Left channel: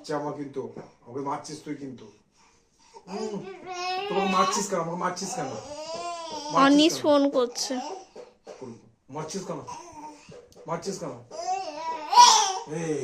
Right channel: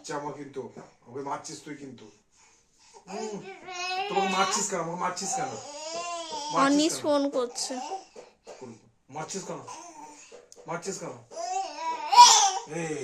বাচ্চা আমার কিন্তু, ওকে মারছিস তুই কিন্তু। তোমাকে মারছিস কেন? আমাকে মারছিস কেন? অনিস ফোন করছে। মারছিস কেন? মারছিস কেন? এই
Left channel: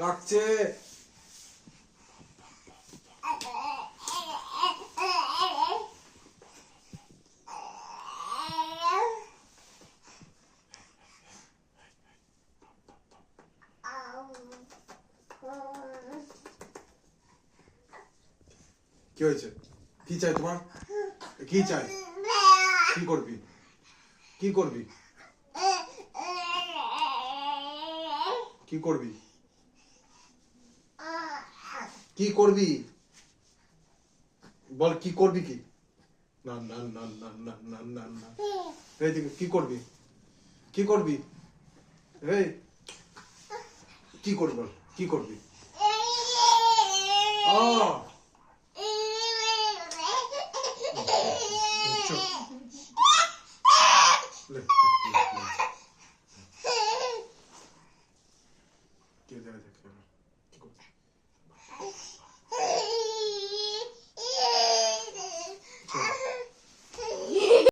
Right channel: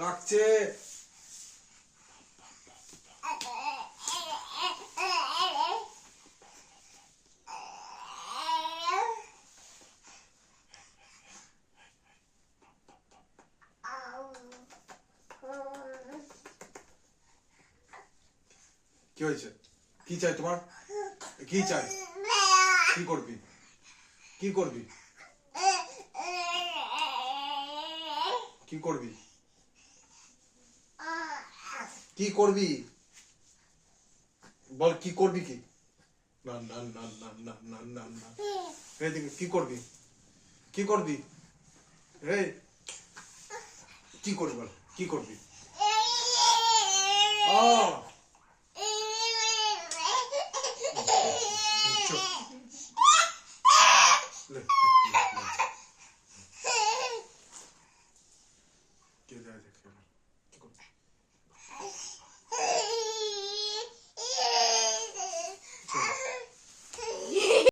লাগছে। কি হয়েছে? কি চাই তোমার? কি চাই? কি করবি? কি করবি? কি করবি? কি করবি? বল কি করবি? কি না না না না না না না না, এইদিকে কি করবি? কি করবি? এই কি করবি? বল কি করবি? চুপ।